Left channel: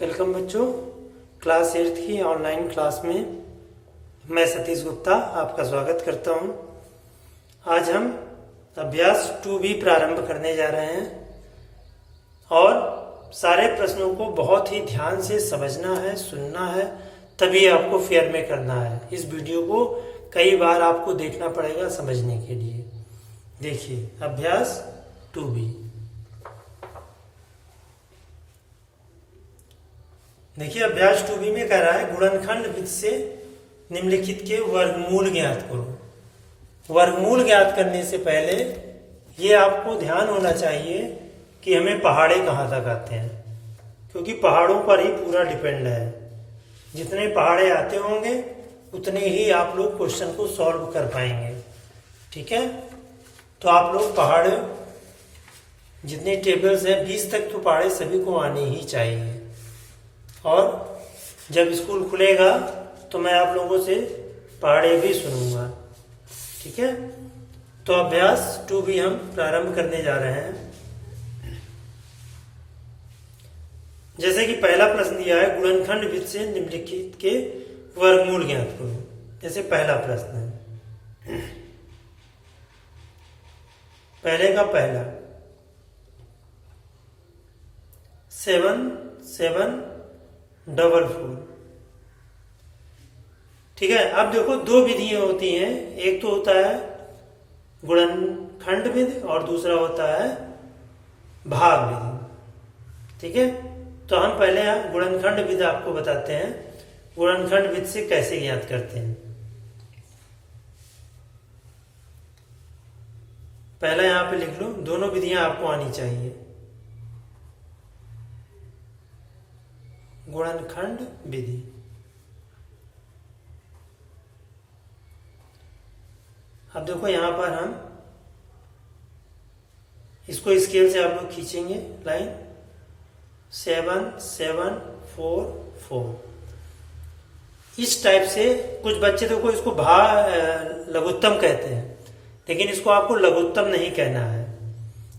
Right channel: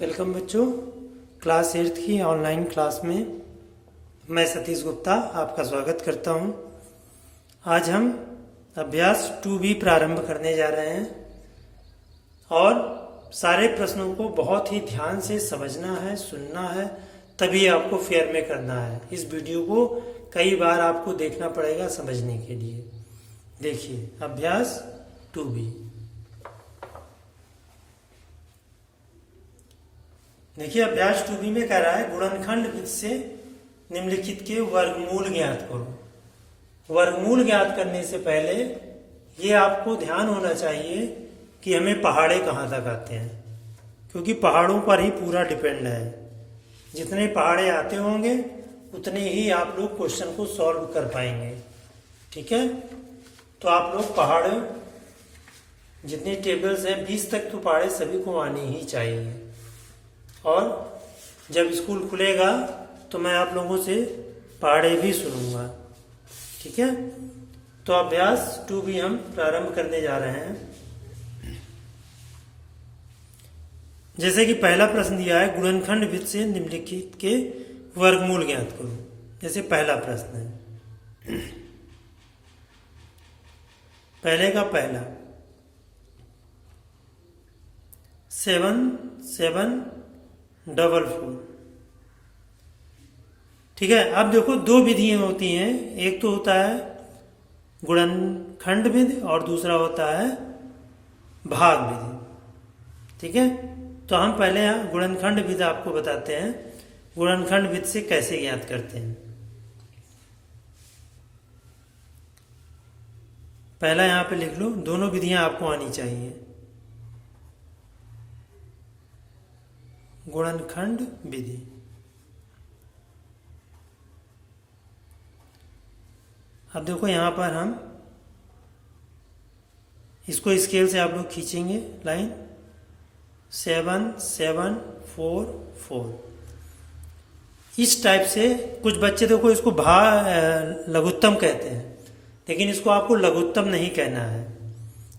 Welcome बच्चों, class 8 की online class में मैं सतीश गुप्ता आपका स्वागत करता हूं। आज हम अभ्यास 2B प्रारंभ करने जा रहे हैं और सारे प्रश्नों को बहुत ही ध्यान से समझना है, सुनना है, तभी आपको फेयर में करना है। इस वीडियो को कई बार आपको देखना पड़ेगा समझने के लिए। देखिए अभ्यास 2B। देखिए अभ्यास 2B में कह रहा है गुणनखंड विधि से निम्नलिखित के वर्गमूल ज्ञात करो। वर्गमूल ज्ञात करने से पहले ये आपको ध्यान होना चाहिए कि हमें पहाड़े कहाँ तक आते हैं, क्योंकि पहाड़ों पर ही पूरा डिपेंड है। जितने पहाड़े आते होंगे उतने ही आप लोग क्वेश्चन को सॉल्व कर पाएंगे। ठीक है, तो आप लोग पहाड़े जितने टेबल्स हैं 20 तक तो पहाड़े सभी को आने ही चाहिए। और जब स्कूल खुलेगा तो मैं आप लोगों से पहाड़े भी सुनूंगा। ठीक है, तो अभ्यास 2B हम प्रारंभ करने जा रहे हैं। जैसे कि पहला प्रश्न दिया है गुणनखंड विधि से निम्नलिखित के वर्गमूल ज्ञात करो। जैसे पहला प्रश्न है, पहले का पहला 7 डबल 4। ठीक है, अब देखो दो विधियां होती हैं, एक तो होता है गुणनखंड विधि और दूसरा होता है भाग विधि। ठीक है, तो हम पहले यहाँ गुणनखंड विधि आपको बताते हैं, गुणनखंड विधि से कैसे ज्ञात करते हैं। पहला यहां पे लिख लो, दोनों विधियां आपको आनी चाहिए। गुणनखंड विधि, अब देखो यहां पर हम इसको स्केल से आप लोग खींचेंगे लाइन 7 7 4 4। इस टाइप से कुछ बच्चे देखो इसको लघुत्तम कहते हैं, लेकिन इसको आपको लघुत्तम नहीं कहना है,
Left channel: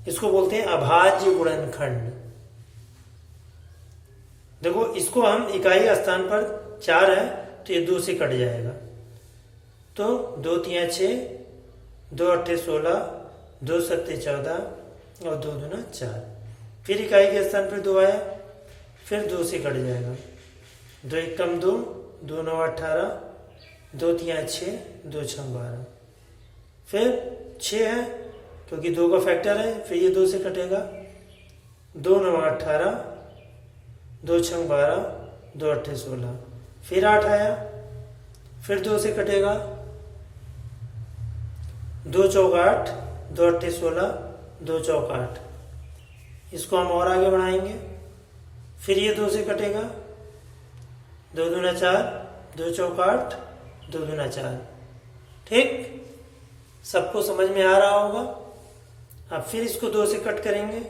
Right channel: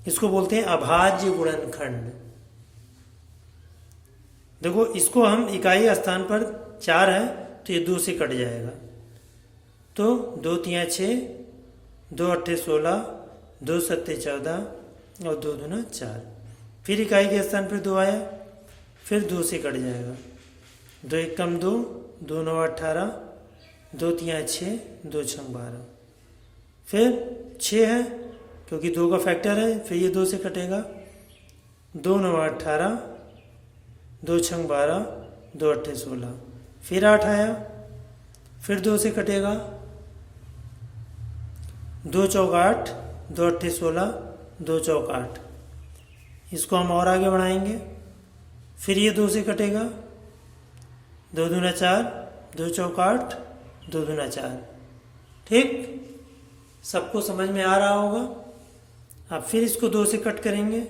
इसको बोलते हैं अभाज्य गुणनखंड। देखो इसको हम इकाई स्थान पर 4 है तो ये 2 से कट जाएगा, तो 2 3 6, 2 8 16, 2 7 14 और 2 दूना 4। फिर इकाई के स्थान पर 2 आया, फिर 2 से कट जाएगा, 2 1 कम 2, 2 9 18, 2 3 6, 2 6 12। फिर 6 है क्योंकि 2 का फैक्टर है, फिर ये 2 से कटेगा, 2 9 18, 2 6 12, 2 8 16। फिर 8 आया, फिर 2 से कटेगा, 2 चौक 8, 2 8 16, 2 चौक 8। इसको हम और आगे बढ़ाएंगे, फिर ये 2 से कटेगा, 2 दूना 4, 2 चौक 8, 2 दूना 4। ठीक, सबको समझ में आ रहा होगा। अब फिर इसको 2 से कट करेंगे,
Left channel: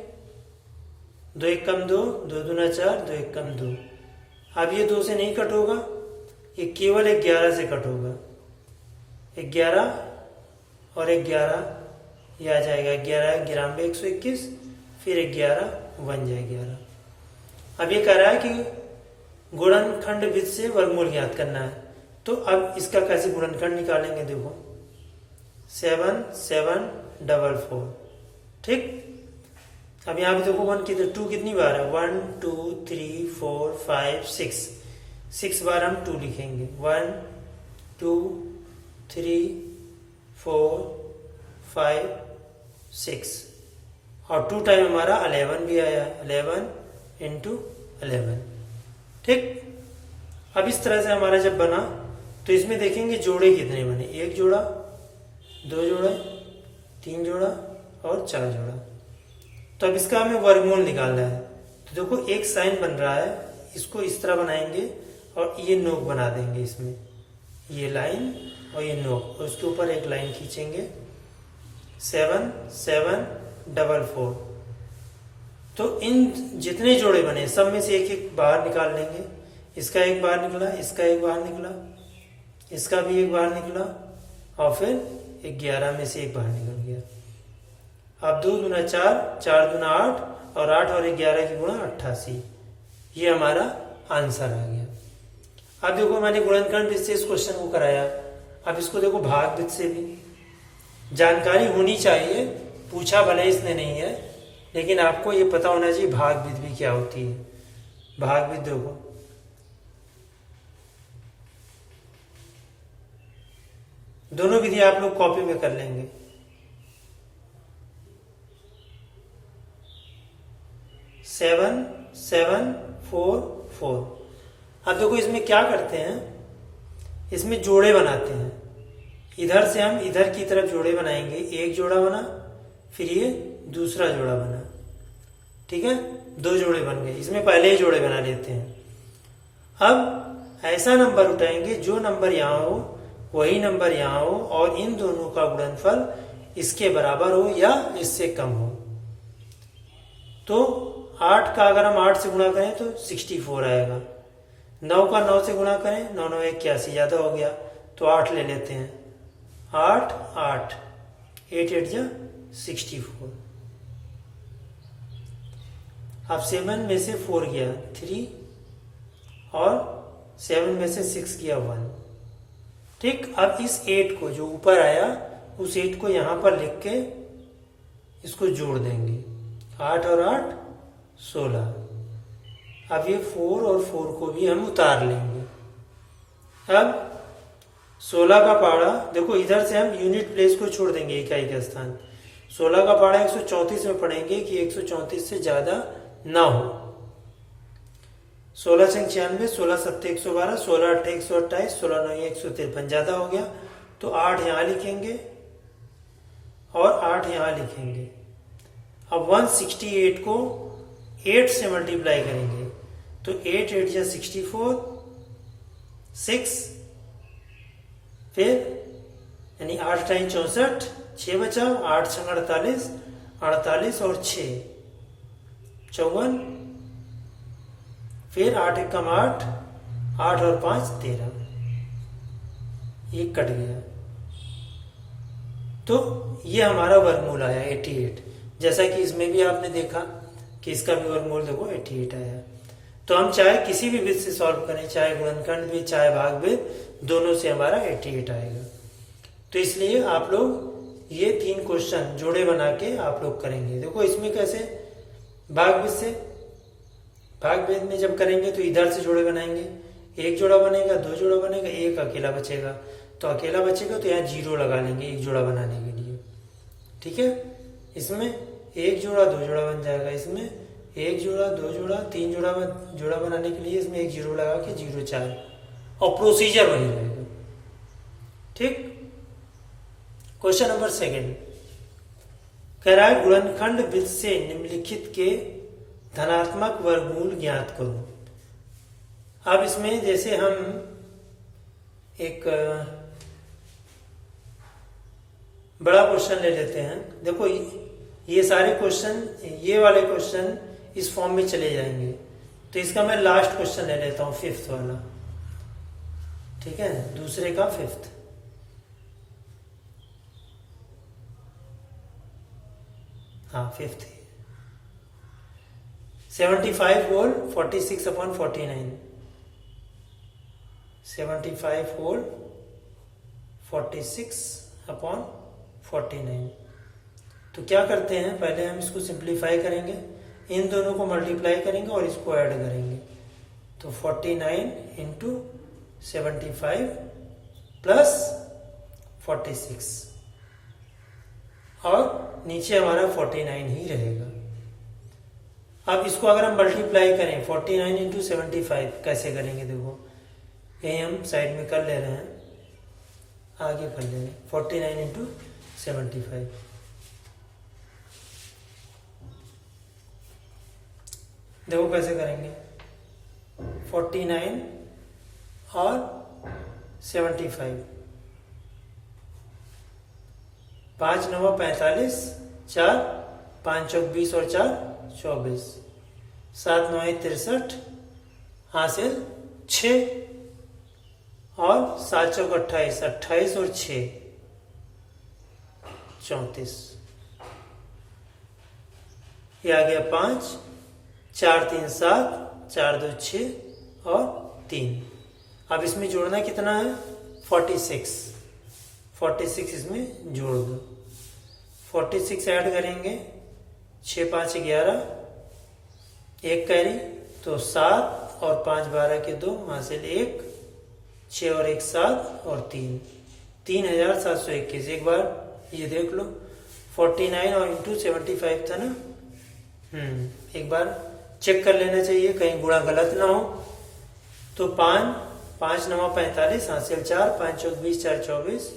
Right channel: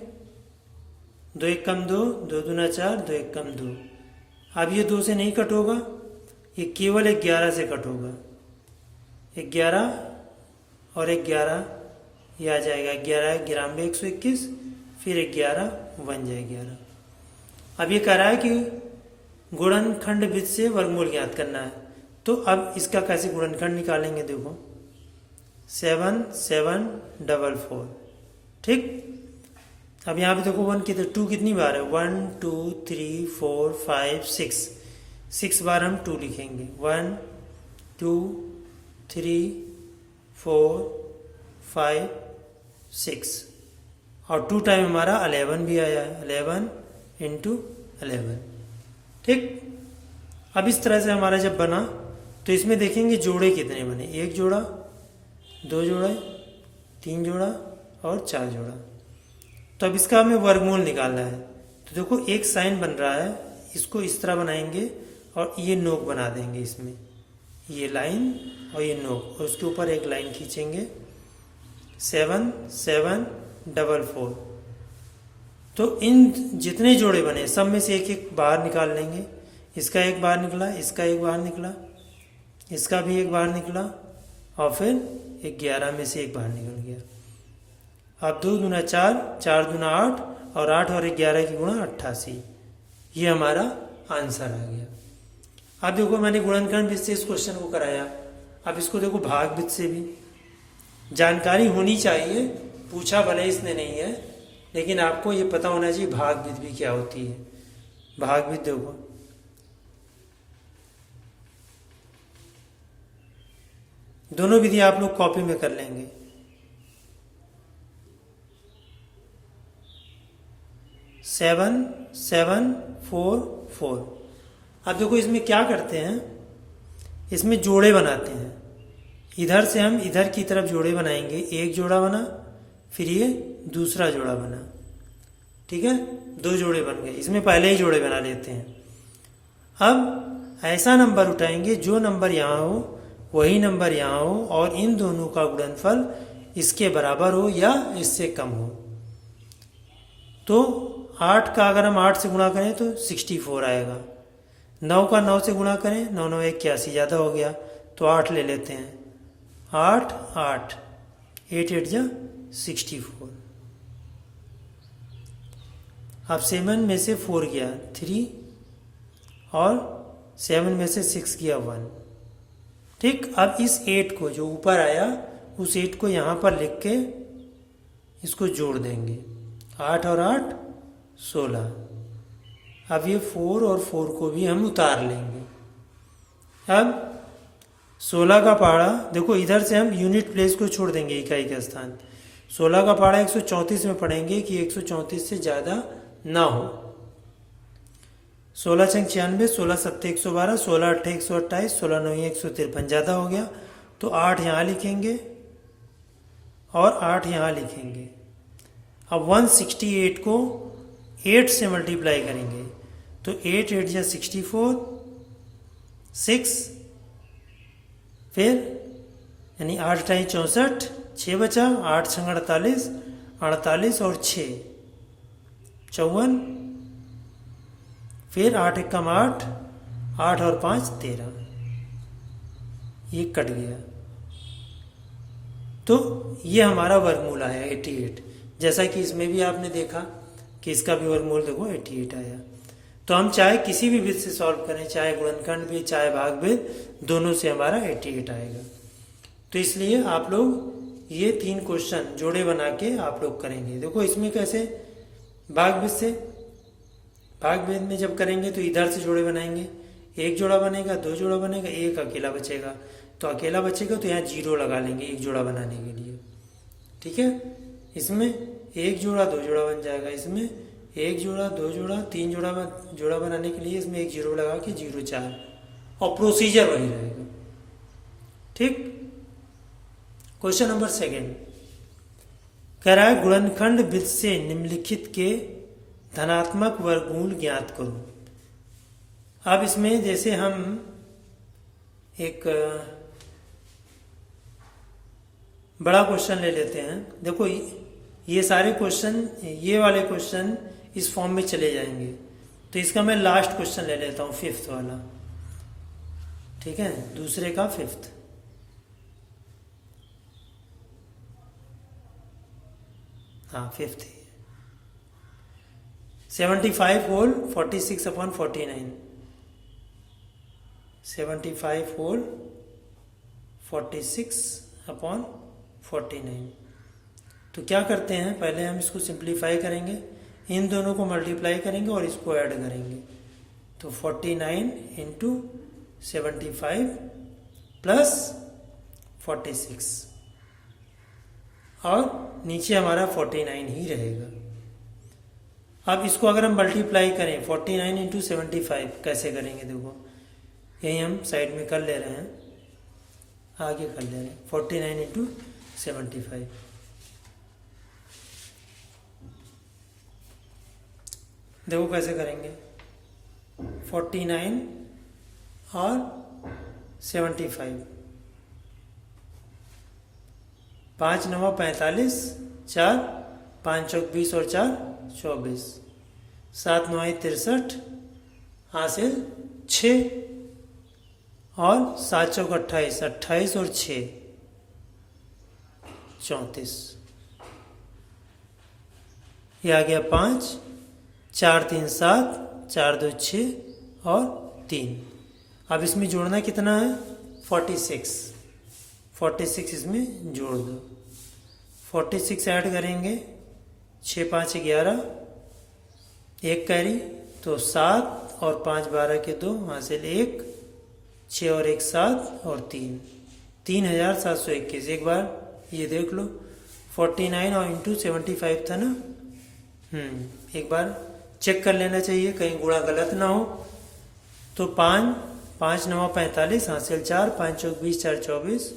2 1 कम 2, 2 दूना 4, 2 1 कम 2। अब ये 2 से नहीं कट होगा, ये केवल 11 से कट होगा। 11 और 11 ये आ जाएगा, 11 11 में 121, फिर 11 बन जाए 11। अब ये कह रहा है कि गुणनखंड विधि से वर्गमूल ज्ञात करना है, तो अब इसका कैसे गुणनखंड निकालेंगे। देखो 7 7 डबल 4। ठीक, अब यहाँ पे देखो 1 कितने 2 कितनी बार है, 1 2 3 4 5 6 बार हम 2 लिखेंगे। 1 2 3 4 5 6 और 2 टाइम हमारा 11 भी आया, 11 इंटू 11। ठीक, अब इस तरह से हमारा जब बना तो इसमें देखेंगे जोड़े कितने बने, 1 जोड़ा, 2 जोड़ा, 3 जोड़ा और 4 जोड़ा। तो अब इसका हमें वर्गमूल निकालना है। तो देखो एक साइन बन रहा है, इसको इस तरह बनाएंगे और ये नोक बना देंगे, इसमें ये लाइन और ये नोक, और उसके ऊपर एक लाइन खींचेंगे 7 7 डबल 4। तो इन जितने जोड़े बने सब में से एक एक बाहर निकाल लेंगे। इसका एक बाहर निकला, इसका एक बाहर निकला, इसका भी एक बाहर निकला और फिर 11 में से एक बाहर निकल गया। अब 2 दूना 4, 4 दूना 8 और 8 और 11 की गुणा 88। ये हमारा आंसर आ गया। अब देखो मैंने गुणनखंड विधि से इस क्वेश्चन को कराया, अब इसको देखो भाग विधि से भी जानकारी होनी चाहिए, पूछा भले इसने नहीं है, लेकिन आपको ये पता होना चाहिए भाग विधि भी क्या होती है। भाग विधि देखो, दोनों विधि आप लोग कॉपी में कर लेंगे। सेवन 7 4 4। अब देखो इसमें क्या करते हैं, इसमें जोड़े बनाते हैं। इधर से हम इधर की तरफ जोड़े बनाएंगे, एक जोड़ा बना, फिर ये दूसरा जोड़ा बना, ठीक है, 2 जोड़े बन गए। इसमें पहले ही जोड़े बना लेते हैं। अब ऐसा नंबर उठाएंगे जो नंबर यहाँ हो वही नंबर यहाँ हो और इन दोनों का गुणनफल इसके बराबर हो या इससे कम हो। तो 8 का अगर हम 8 से गुणा करें तो 64 आएगा। 9 का 9 से गुणा करें, 9 9 81, ज़्यादा हो गया तो 8 ले लेते हैं। 8 8 8 8 जा 64। अब 7 में से 4 गया 3 और 7 में से 6 गया 1। ठीक, अब इस 8 को जो ऊपर आया उस 8 को यहाँ पर लिख के इसको जोड़ देंगे। 8 और 8 16। अब ये 4 और 4 को भी हम उतार लेंगे। अब 16 का पहाड़ा देखो, इधर से हम यूनिट प्लेस को छोड़ देंगे, इकाई का स्थान। 16 का पहाड़ा 134 में पढ़ेंगे कि 134 से ज़्यादा ना हो। 16 छंग 96, 16 7 112, 16 8 128, 16 9 153, ज़्यादा हो गया तो 8 यहाँ लिखेंगे और 8 यहाँ लिखेंगे। अब 168 को 8 से मल्टीप्लाई करेंगे तो 8 8 या 64, 6, फिर यानी 8 टाइम 64, 6 बचा, 8 छंग 48, 48 और 6 54, फिर 8 एकम 8, 8 और 5 13, ये कट गया। तो ये हमारा वर्गमूल आया 88। जैसा कि इसमें भी आपने देखा कि इसका भी वर्गमूल देखो 88 आया। तो हम चाहे किसी भी विधि से सॉल्व करें, चाहे गुणनखंड भी चाहे भाग भी, दोनों से हमारा 88 आएगा। तो इसलिए आप लोग ये 3 क्वेश्चन जोड़े बना के आप लोग करेंगे। देखो इसमें कैसे भाग विधि से, भाग भेद में जब करेंगे तो इधर से जोड़े बनाएंगे, एक जोड़ा बनेगा, 2 जोड़ा बनेगा, एक अकेला बचेगा। तो अकेला बचेगा तो यहाँ 0 लगा लेंगे एक जोड़ा बनाने के लिए, ठीक है। इसमें एक जोड़ा 2 जोड़ा बन जाएगा, इसमें एक जोड़ा 2 जोड़ा 3 जोड़ा बनाने के लिए इसमें एक 0 लगा के 0 4, और प्रोसीजर वही रहेगा, ठीक। क्वेश्चन नंबर 2 कह रहा है गुणनखंड विधि से निम्नलिखित के धनात्मक वर्गमूल ज्ञात करो। अब इसमें जैसे हम एक बड़ा क्वेश्चन ले लेते हैं। देखो ये सारे क्वेश्चन, ये वाले क्वेश्चन इस फॉर्म में चले जाएंगे। तो इसका मैं लास्ट क्वेश्चन ले लेता हूं, 5th वाला, ठीक है, दूसरे का 5th। हाँ 5th 75 whole 46 upon 49, 75 whole 46 upon 49। तो क्या करते हैं, पहले हम इसको सिंप्लीफाई करेंगे, इन दोनों को मल्टीप्लाई करेंगे और इसको ऐड करेंगे। तो 49 इंटू 75 प्लस 46 और नीचे हमारा 49 ही रहेगा। अब इसको अगर हम मल्टीप्लाई करें 49 इंटू 75 कैसे करेंगे, देखो यही हम साइड में कर ले रहे हैं, आगे कर ले रहे हैं। 49 इंटू 75, देखो कैसे करेंगे, 49 और 75, 5 9 45, 4 5 चौक 20 और 4 24, 7 9 63, हासिल 6 और 7 चौक 28, 28 और 6 34, ये आ गया 5, 4 3 7, 4 2 6 और 3। अब इसमें जोड़ना कितना है? 46। 46 इसमें जोड़ दो। 46 ऐड करेंगे, 6 5 11, 1 कैरी तो 7 और 5 12 के 2, हासिल 1, 6 और 1 7 और 3, 3721। एक बार ये देख लो, 49 और इंटू 75 था ना। एक बार चेक कर लेना चाहिए कहीं गुणा गलत ना हो। तो 5 5 9 45, हासिल 4, 5 चौक 20, 4 24,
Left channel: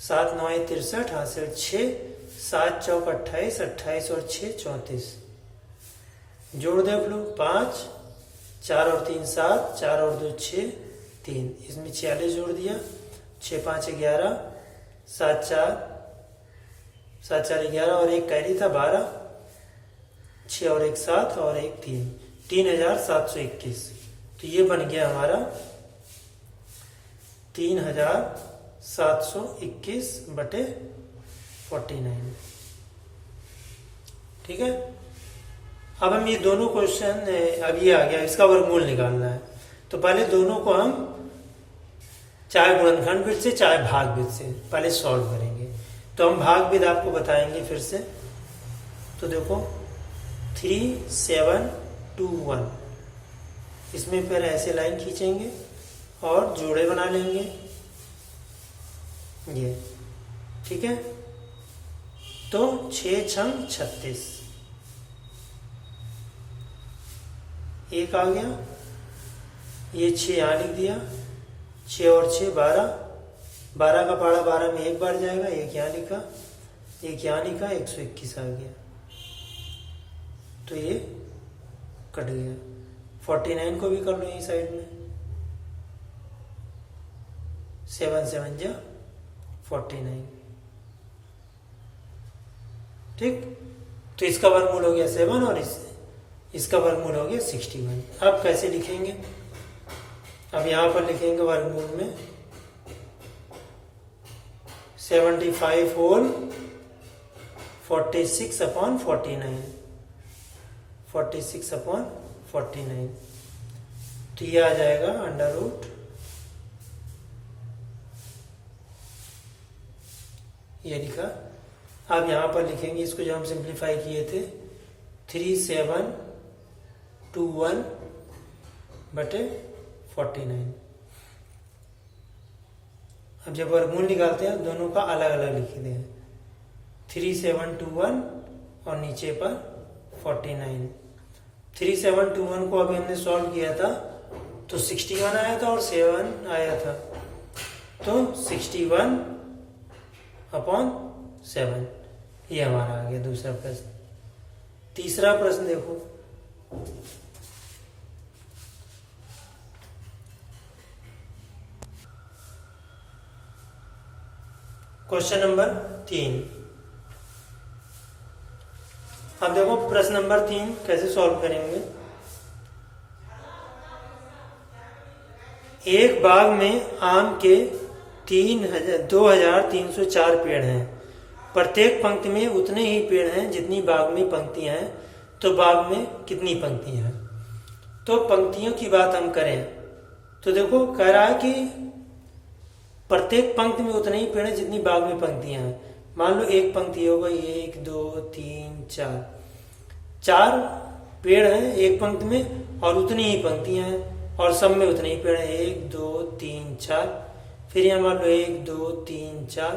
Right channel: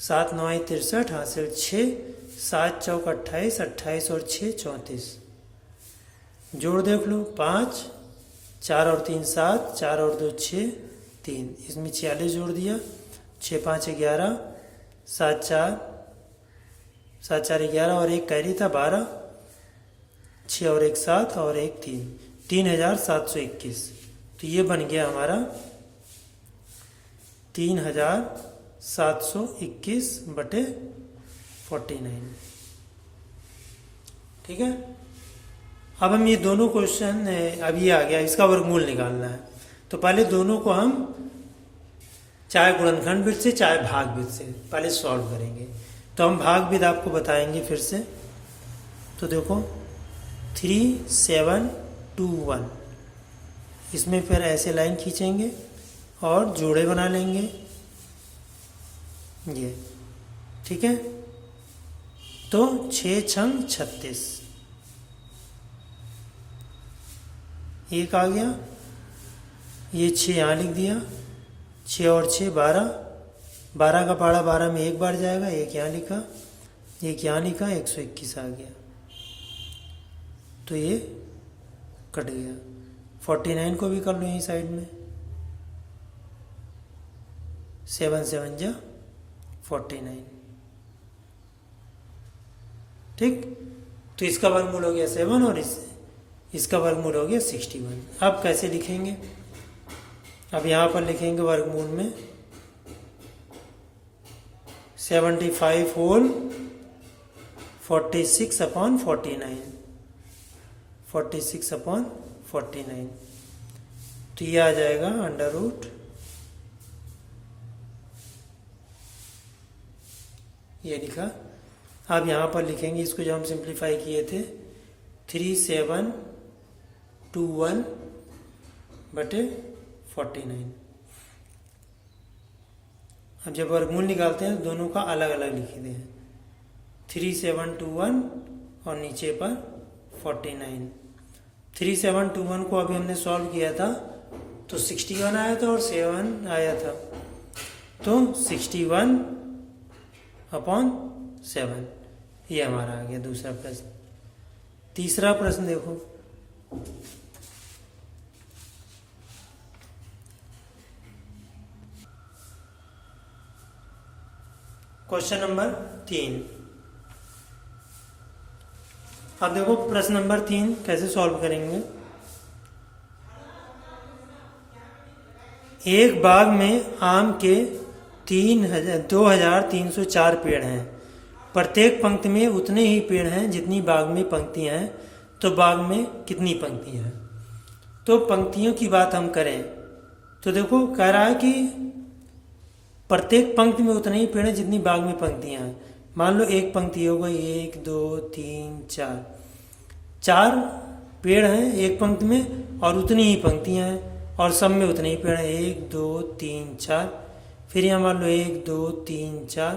7 9 63, हासिल 6, 7 चौक 28, 28 और 6 34। जोड़ देख लो, 5 4 और 3 7, 4 और 2 6 3, इसमें 46 जोड़ दिया, 6 5 11, 7 4 11 और 1 कैरी था 12, 6 और 1 7 और 1 3, 3721। तो ये बन गया हमारा 3721 बटे 49। ठीक है। अब हम ये दोनों क्वेश्चन, अब ये आ गया, इसका वर्गमूल निकालना है। तो पहले दोनों को हम चाहे गुणनखंड विधि से चाहे भाग विधि से पहले सॉल्व करेंगे। तो हम भाग विधि आपको बताएंगे फिर से। तो देखो 3 7 2 1, इसमें फिर ऐसे लाइन खींचेंगे और जोड़े बना लेंगे ये। ठीक है। तो 6 छंग 36, एक आ गया, ये 6 यहाँ लिख दिया, 6 और 6 12, 12 का पहाड़ा 12 में एक बार जाएगा, एक यहाँ लिखा, एक यहाँ लिखा, 121 आ गया। तो ये कट गया। 49 को भी कर लो यही साइड में, 7 7 जा 49। ठीक। तो इसका वर्गमूल हो गया 7 और इसका वर्गमूल हो गया 61। अब कैसे लिखेंगे? अब यहां पर लिखेंगे वर्गमूल में 75 होल 46 अपॉन 49, 46 अपॉन 49। तो ये आ जाएगा अंडर रूट, ये लिखा। अब यहां पर लिखेंगे इसको, जो हम सिंप्लीफाई किए थे, 3 7 2 1 बटे 49। अब जब वर्गमूल निकालते हैं दोनों का अलग अलग लिखते हैं, 3 7 2 1 और नीचे पर 49। 3 7 2 1 को अभी हमने सॉल्व किया था तो 61 आया था और 7 आया था, तो 61 अपॉन 7, ये हमारा आ गया दूसरा प्रश्न। तीसरा प्रश्न देखो, क्वेश्चन नंबर 3। अब देखो प्रश्न नंबर 3 कैसे सॉल्व करेंगे। एक बाग में आम के 2304 पेड़ हैं। प्रत्येक पंक्ति में उतने ही पेड़ हैं जितनी बाग में पंक्तियां हैं। तो बाग में कितनी पंक्तियां हैं? तो पंक्तियों की बात हम करें तो देखो कह रहा है कि प्रत्येक पंक्ति में उतने ही पेड़ हैं जितनी बाग में पंक्तियां हैं। मान लो एक पंक्ति हो गई, 1 2 3 4, 4 पेड़ हैं एक पंक्ति में और उतनी ही पंक्तियां हैं और सब में उतने ही पेड़ हैं, 1 2 3 4। फिर यहाँ मान लो 1 2 3 4,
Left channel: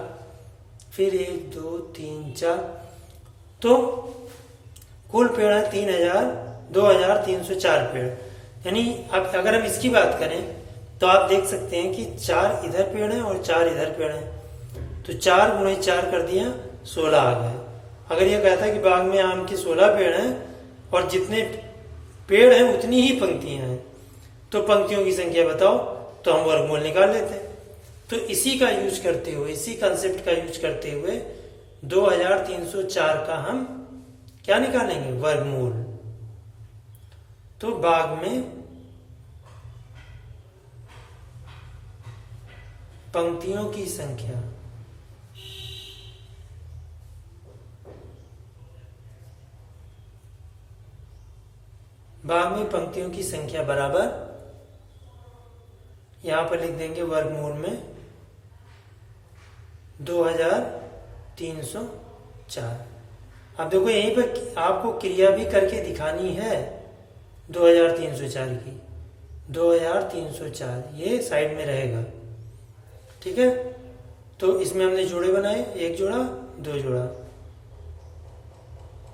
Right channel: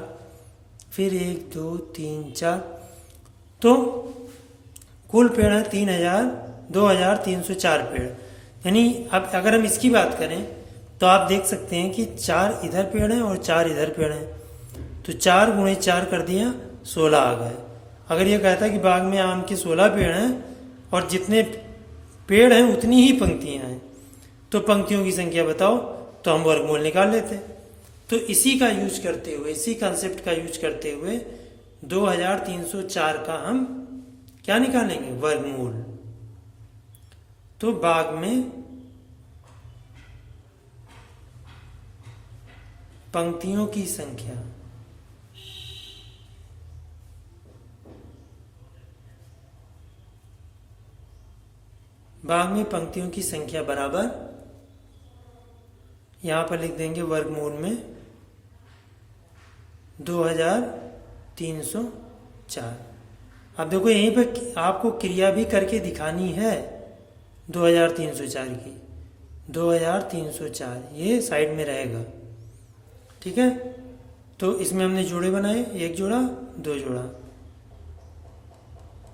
फिर 1 2 3 4, तो कुल पेड़ है 2304 पेड़। यानी अब अगर हम इसकी बात करें तो आप देख सकते हैं कि 4 इधर पेड़ हैं और 4 इधर पेड़ हैं, तो 4 गुणे 4 कर दिया 16 आ गए। अगर ये कहता है कि बाग में आम के 16 पेड़ हैं और जितने पेड़ हैं उतनी ही पंक्तियां हैं, तो पंक्तियों की संख्या बताओ, तो हम वर्गमूल निकाल लेते हैं। तो इसी का यूज करते हुए, इसी कंसेप्ट का यूज करते हुए 2304 का हम क्या निकालेंगे? वर्गमूल। तो बाग में पंक्तियों की संख्या भाग में पंक्तियों की संख्या बराबर, यहाँ पर लिख देंगे वर्गमूल में 2304। अब देखो यहीं पर आपको क्रिया भी करके दिखानी है 2304 की। 2304 ये साइड में रहेगा, ठीक है। तो इसमें हमने जोड़े बनाए, एक जोड़ा, दो जोड़ा,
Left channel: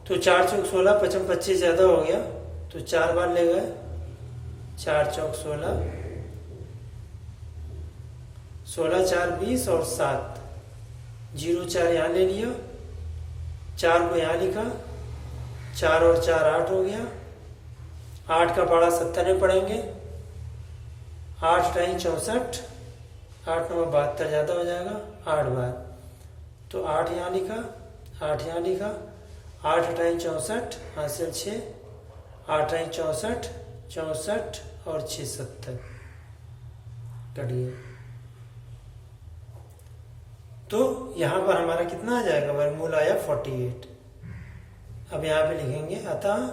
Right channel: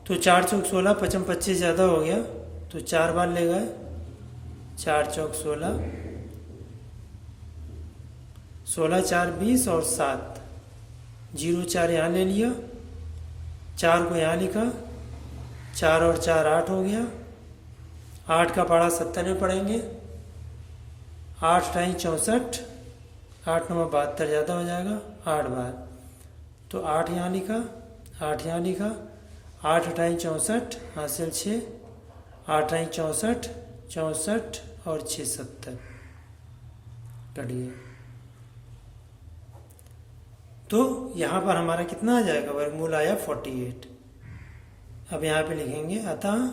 तो 4 चौक 16, 55 25 ज़्यादा हो गया तो 4 बार ले गए, 4 चौक 16, 16 4 20 और 7, 0 4 यहाँ ले लिया, 4 को यहाँ लिखा, 4 और 4 8 हो गया, 8 का पढ़ा 70 में पढ़ेंगे, 8 टाइम 64, 8 9 72 ज़्यादा हो जाएगा, 8 बार, तो 8 यहाँ लिखा, 8 यहाँ लिखा, 8 टाइम 64 हासिल 6, 8 टाइम 64, 64 और 6 70 कट गया। तो यहाँ पर हमारा कितना आ जाएगा, वर्गमूल आया 48। अब यहाँ पे लिखेंगे अतः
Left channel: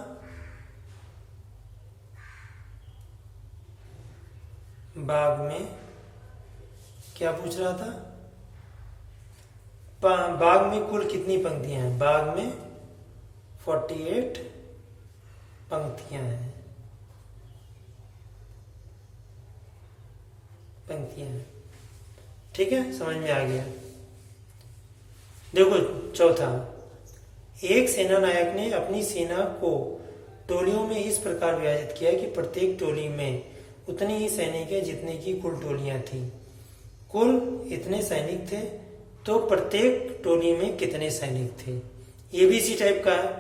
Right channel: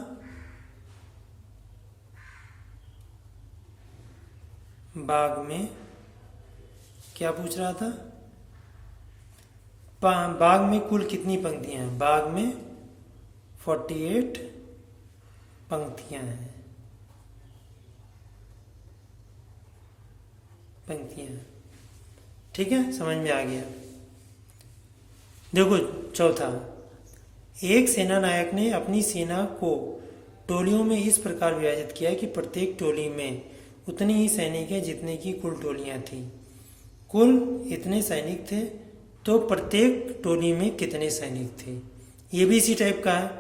भाग में, क्या पूछ रहा था, भाग में कुल कितनी पंक्तियां हैं, भाग में 48 पंक्तियां हैं, ठीक है, समझ में आ गया। देखो चौथा, एक सेना नायक ने अपनी सेना को टोलियों में इस प्रकार विभाजित किया कि प्रत्येक टोली में उतने ही सैनिक हैं जितने की कुल टोलियां थीं। कुल इतने सैनिक थे तो प्रत्येक टोली में कितने सैनिक थे, ये भी इसी टाइप का है।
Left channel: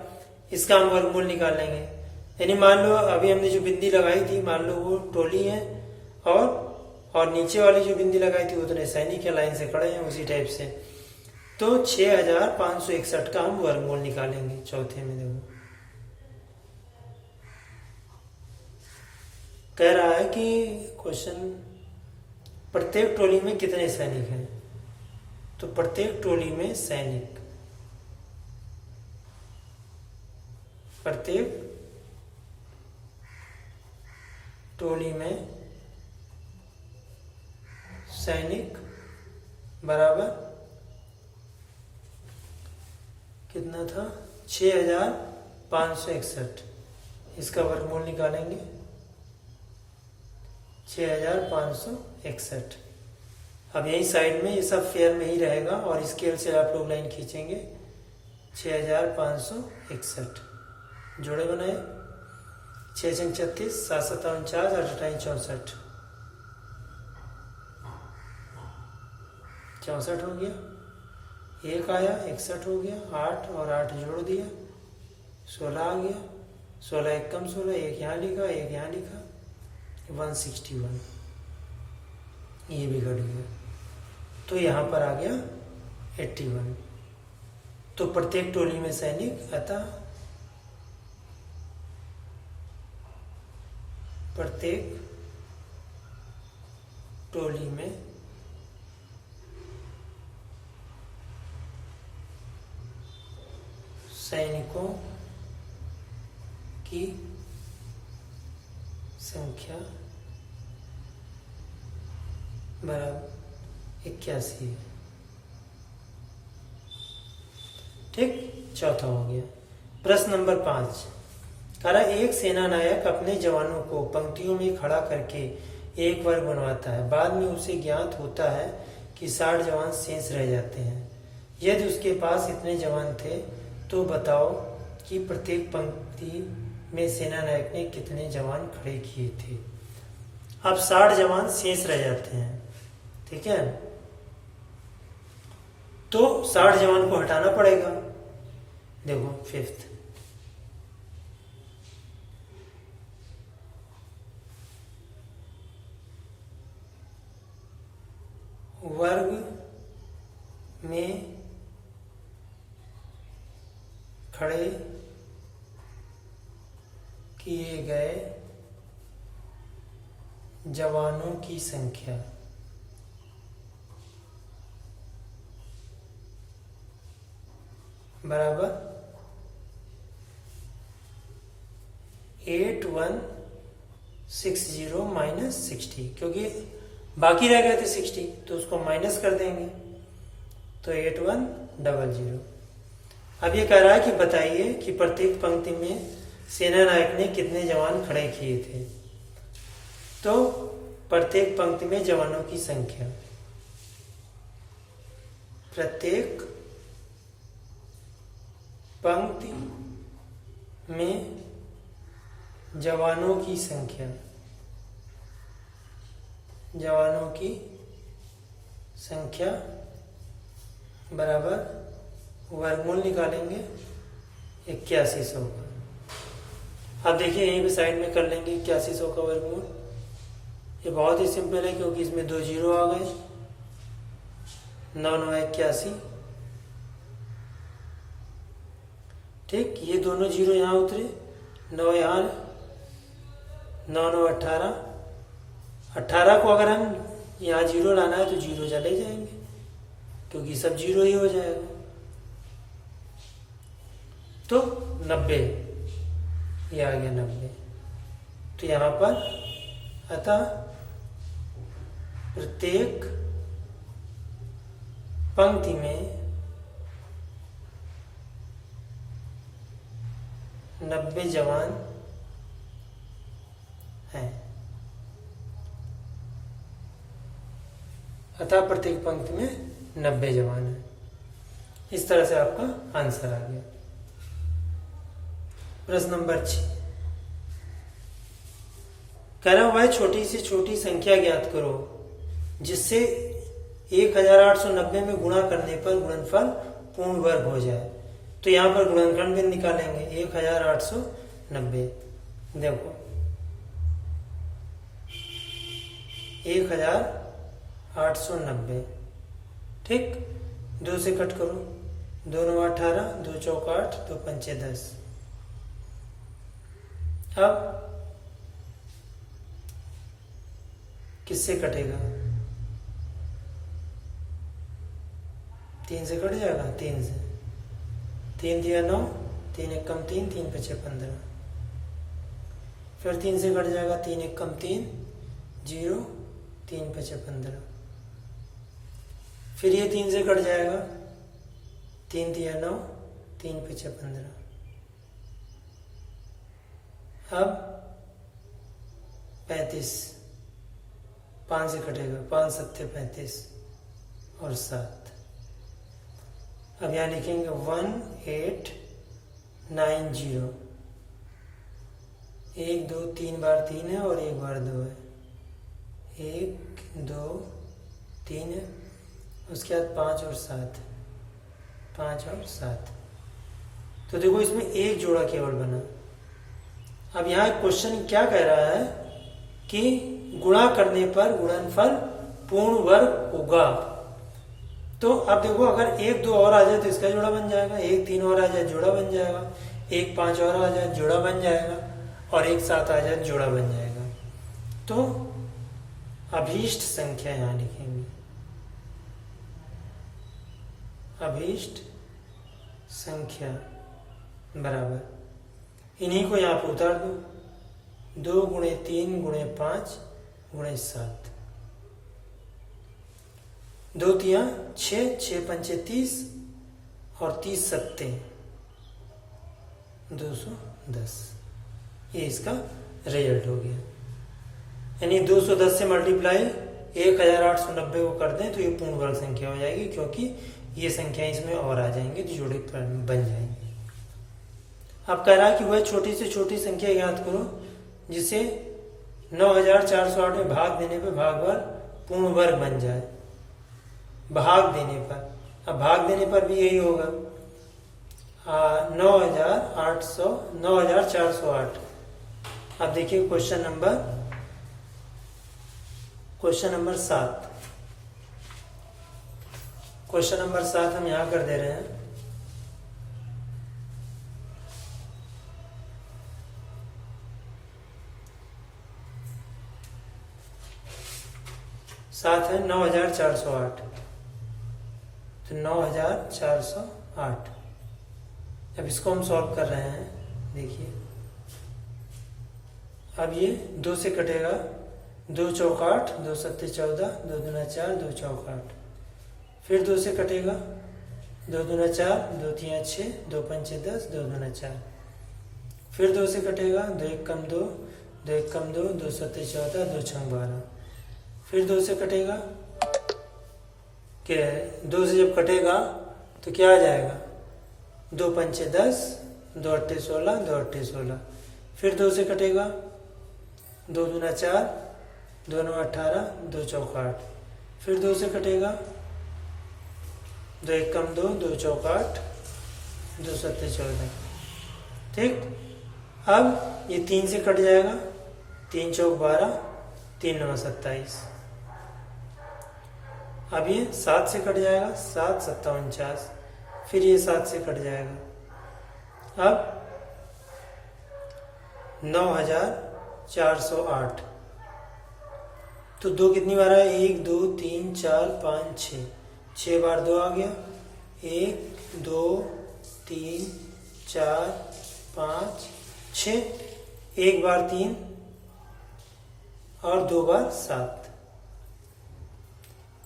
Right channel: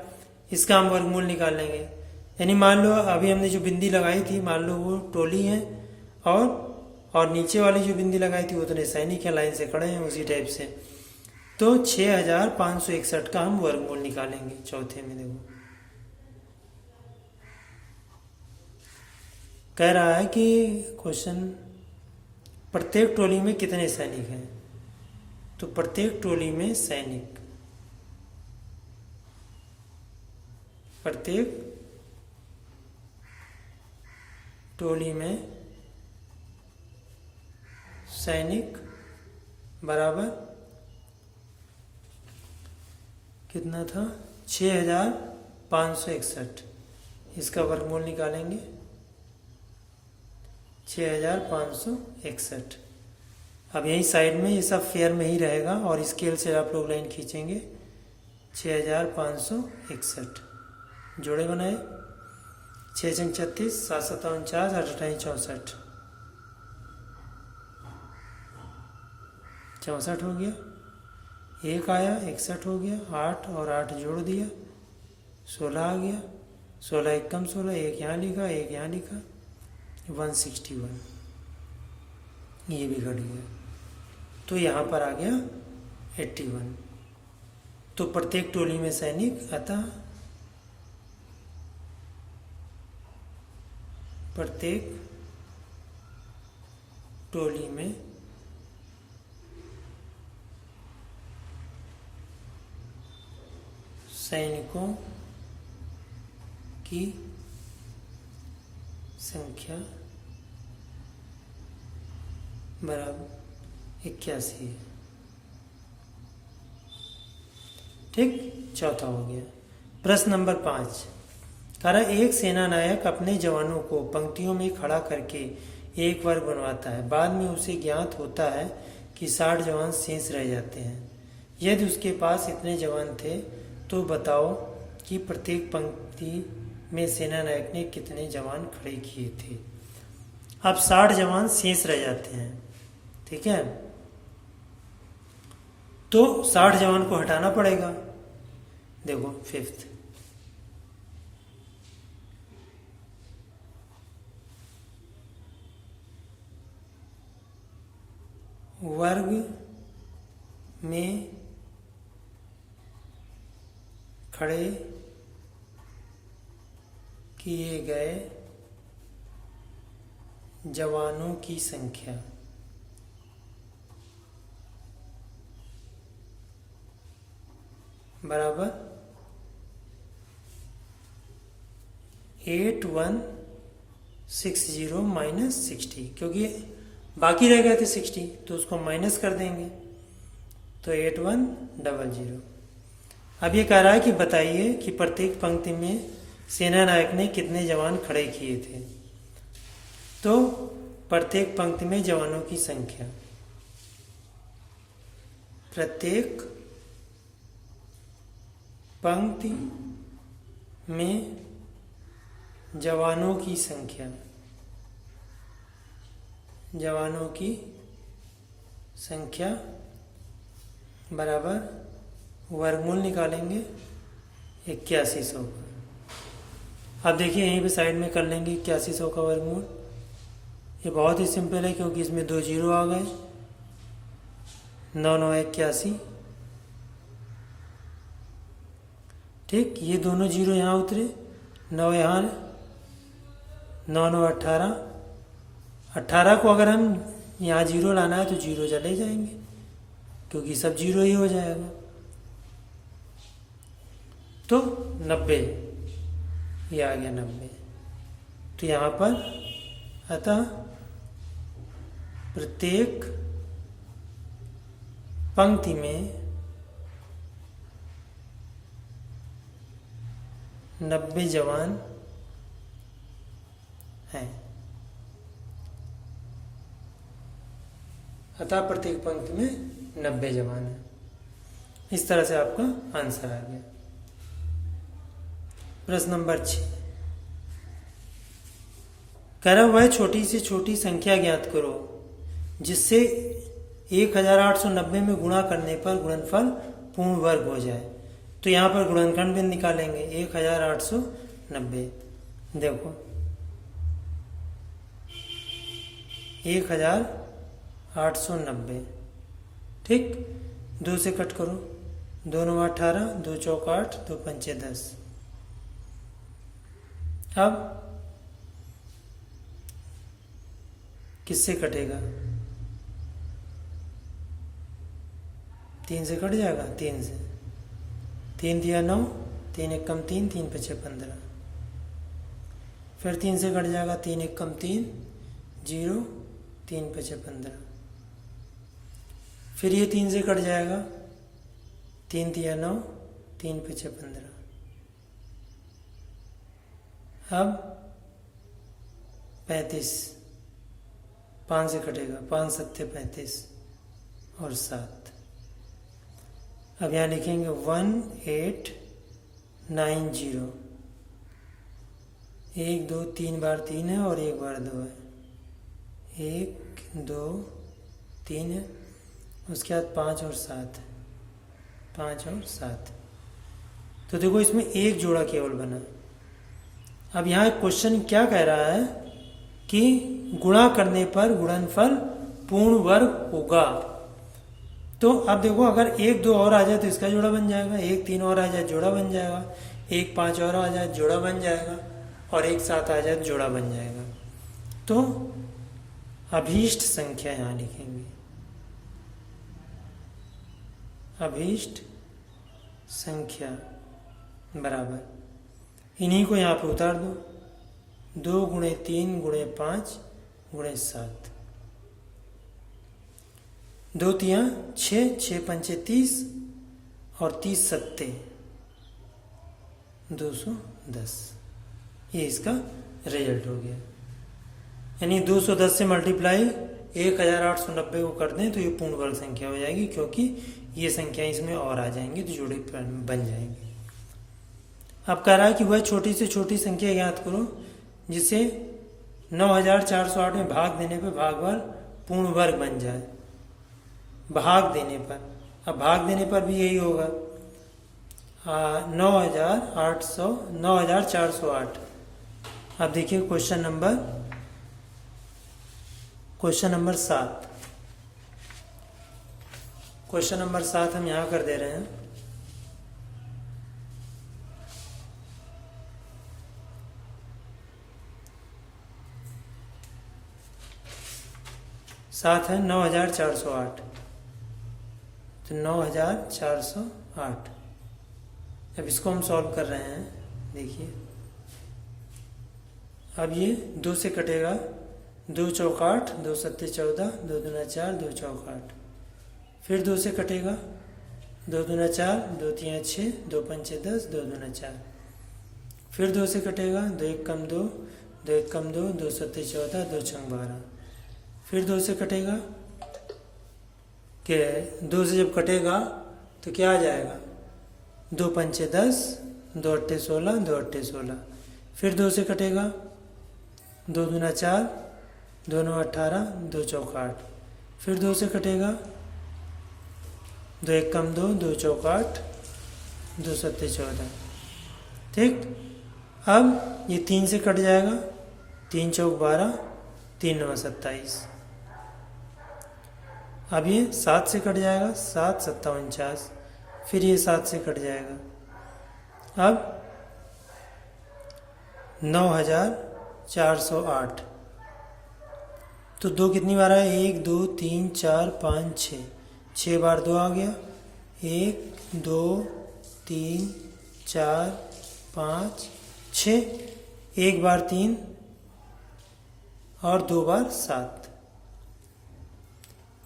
इसका हम वर्गमूल निकाल लेंगे। यानी मान लो अभी हमने जो बिंदी लगाई थी, मान लो वो टोली है और नीचे वाली जो बिंदी लगाई थी उतने सैनिक है, लाइन से खड़े हैं, उसी टाइप से। तो 6561 का हम वर्गमूल निकालेंगे चौथे में। देखो कह रहा है कि क्वेश्चन, प्रत्येक टोली में कितने सैनिक हैं, तो प्रत्येक टोली में सैनिक, प्रत्येक टोली में सैनिक बराबर कितना था, 6561। इसका वर्गमूल निकालेंगे 6561। अब यही साइड में ये सब फेयर में ही रहेगा और स्केल से आप लोग लाइन खींचेंगे। 6561 जोड़े बनाए, 6 36, 7 7 49, 8 64, 64 हो गया, एक आया, 61 हो गया, 8 और 8 जोड़ दिया, 16 आ गया, 16 एक कम 16, एक यहाँ लिखा, एक यहाँ लिखा, 161, ये भी घट गया, तो यहाँ पर आ गया 81। तो प्रत्येक टोली में सैनिक, अतः प्रत्येक टोली में सैनिकों की संख्या बराबर 81 है। ठीक, चौथा हो गया। प्रश्न नंबर 5 कह रहा, एक सेना नायक अपने जवानों को पंक्तियों में खड़ा करके एक वर्ग बनवाता है। बाद में उसे ज्ञात होता है कि 60 जवान शेष रह जाते हैं। यदि उसके पास इतने जवान थे तो बताओ कि प्रत्येक पंक्ति में सेना नायक ने कितने जवान खड़े किए थे। अब 60 जवान शेष रह जाते हैं, ठीक है, तो 60 जवान को हटाना पड़ेगा। देखो फिफ्थ, वर्ग में खड़े किए गए जवानों की संख्या बराबर 8160 माइनस 60, क्योंकि बाकी रह गए थे 60 तो उसको माइनस कर देंगे, तो 8100। अब ये कह रहा है कि बताइए कि प्रत्येक पंक्ति में सेना नायक ने कितने जवान खड़े किए थे। तो प्रत्येक पंक्ति में जवानों की संख्या, प्रत्येक पंक्ति में जवानों की संख्या, जवानों की संख्या बराबर वर्गमूल निकालेंगे 8100 का। अब देखिए यहीं पे साइड में कर लेंगे 8100 का वर्गमूल। ये बहुत ही सिंपल है क्योंकि इसमें 2 जीरो आ गए, 9 9 81। ठीक, ये दोनों जीरो यहाँ उतरे, 9 यहाँ, 9 9 18। 18 को अगर हम यहाँ जीरो लाना है तो जीरो चले जाएंगे क्योंकि सब जीरो ही हो जाएगा। तो 90, ये आ गया 90। तो यहाँ पर अतः प्रत्येक पंक्ति में 90 जवान हैं, अतः प्रत्येक पंक्ति में 90 जवान हैं। इस तरह से आपका आंसर आ गया। प्रश्न नंबर 6 कह रहा वह छोटी से छोटी संख्या ज्ञात करो जिससे 1890 में गुणा करने पर गुणनफल पूर्ण वर्ग हो जाए। तो यहाँ पर गुणनखंड भी निकालेंगे 1890। देखो 1890, ठीक, 2 से कट करो, 2 9 18, 2 चौक 8, 2 पंचे 10। अब किससे कटेगा? 3 से कट जाएगा, 3 से, 3 दिया 9, 3 एक कम 3, 3 पचे 15। फिर 3 से कट जाएगा, 3 एक कम 3, 0, 3 पचे 15। फिर ये 3 से कट जाएगा, 3 दिया 9, 3 पचे 15। अब 35, 5 से कटेगा, 5 सत्ते 35 और 7। अब यहाँ लिखेंगे 1890। 1 2 3 बार 3 है और 1 बार 2 है, 1 2 3 है, उसके बाद 5 और 7, 5 और 7। तो देखो इसमें एक जोड़ा केवल बना। अब यहाँ क्वेश्चन क्या कह रहा है कि गुणा करने पर गुणनफल पूर्ण वर्ग होगा। तो अब देखो अगर 1 2 और आ जाए तो इसका जोड़ा बन जाएगा, 1 3 और आ जाए जोड़ा बन जाएगा, 1 5 और आ जाए जोड़ा बन जाएगा, और 1 7 आ जाए जोड़ा बन जाएगा। तो अभीष्ट संख्या यहाँ लिखेंगे, अभीष्ट संख्या बराबर, इन्हीं को यहाँ पर उतार दो, 2 गुणे 3 गुणे 5 गुणे 7, 2 तिया 6, 6 पंचे 30 और 30 सत्ते 210। ये इसका रिजल्ट हो गया। यानी 210 से मल्टीप्लाई 1890 को कर दें तो ये पूर्ण वर्ग संख्या हो जाएगी, क्योंकि ये संख्या इसमें और आ जाएंगी तो जोड़े बन जाएंगे। अब कह रहा है कि वह छोटी से छोटी संख्या ज्ञात करो जिसे 9408 में भाग देने पर भागफल पूर्ण वर्ग बन जाए। भाग देने पर, अब भाग देने पर भी यही होगा, 9408। अब देखिए क्वेश्चन नंबर 7। क्वेश्चन नंबर 7 हम यहां कर दे रहे हैं। सात है 9408, तो 9408। अब इसको हम सॉल्व कर रहे हैं। देखिए अब ये 2 से कटेगा, 2 चौक 8, 2 सत्ते 14, 2 दूना 4, 2 चौक 8। फिर 2 से कटेगा, 2 दूना 4, 2 तिया 6, 2 पंचे 10, 2 दूना 4। फिर 2 से कटेगा, 2 एक कम 2, 2 एक कम 2, 2 सत्ते 14, 2 छंग 12। फिर 2 से कटेगा, कि 2 से जब कटेगा तो क्या आ जाएगा, 2 पंचे 10, 2 अट्ठे 16, 2 अट्ठे 16। फिर 2 से कटेगा, 2 दूना 4, 2 नौ 18, 2 चौक 8। फिर 2 से कटेगा, 2 एक कम 2, 2 चौक 8, 2 सत्ते 14। ठीक। अब ये 3 से कट जाएगा, 3 चौक 12, 3 नौ 27। अब ये 7 से कट जाएगा, 7 सत्ता 49। फिर ये 7 से कट जाएगा। अब 9408। तो 2 कितनी बार है, 1 2 3 4 5 6, 6 बार 2 आ गया। 1 2 3 4 5 6, 1 बार 3 और 2 बार 7।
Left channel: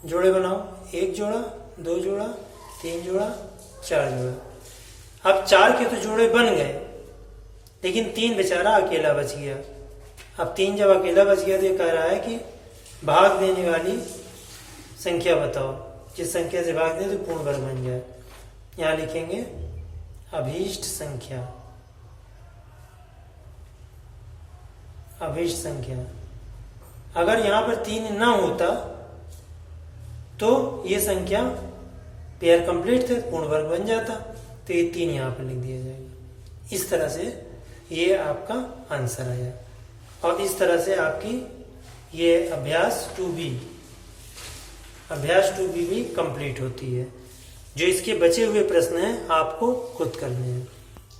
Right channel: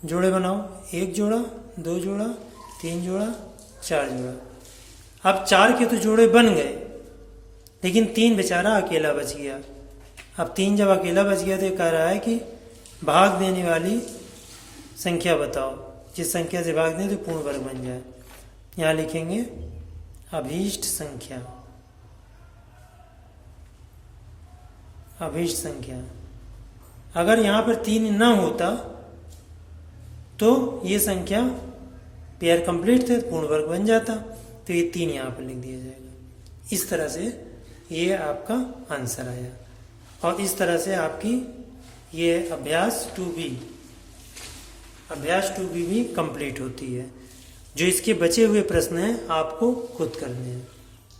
जोड़े बनाओ, 1 जोड़ा, 2 जोड़ा, 3 जोड़ा, 4 जोड़ा। अब 4 के तो जोड़े बन गए, लेकिन 3 बेचारा अकेला बच गया। अब 3 जब अकेला बच गया तो ये कह रहा है कि भाग देने वाली संख्या बताओ, जिस संख्या से भाग दें तो पूर्ण वर्ग बन जाए। यहाँ लिखेंगे अभीष्ट संख्या। अभीष्ट संख्या, अगर यहाँ पर 3 न होता तो ये संख्या पेयर कंप्लीट थे, पूर्ण वर्ग बन जाता, तो ये 3 यहाँ पर लिख दिया जाएगा। इस तरह से ये आपका आंसर आया। और इस तरह से आपकी ये अभ्यास 2B भी कंप्लीट होती है। जो इसके बचे हुए प्रश्न हैं आपको खुद करने हैं।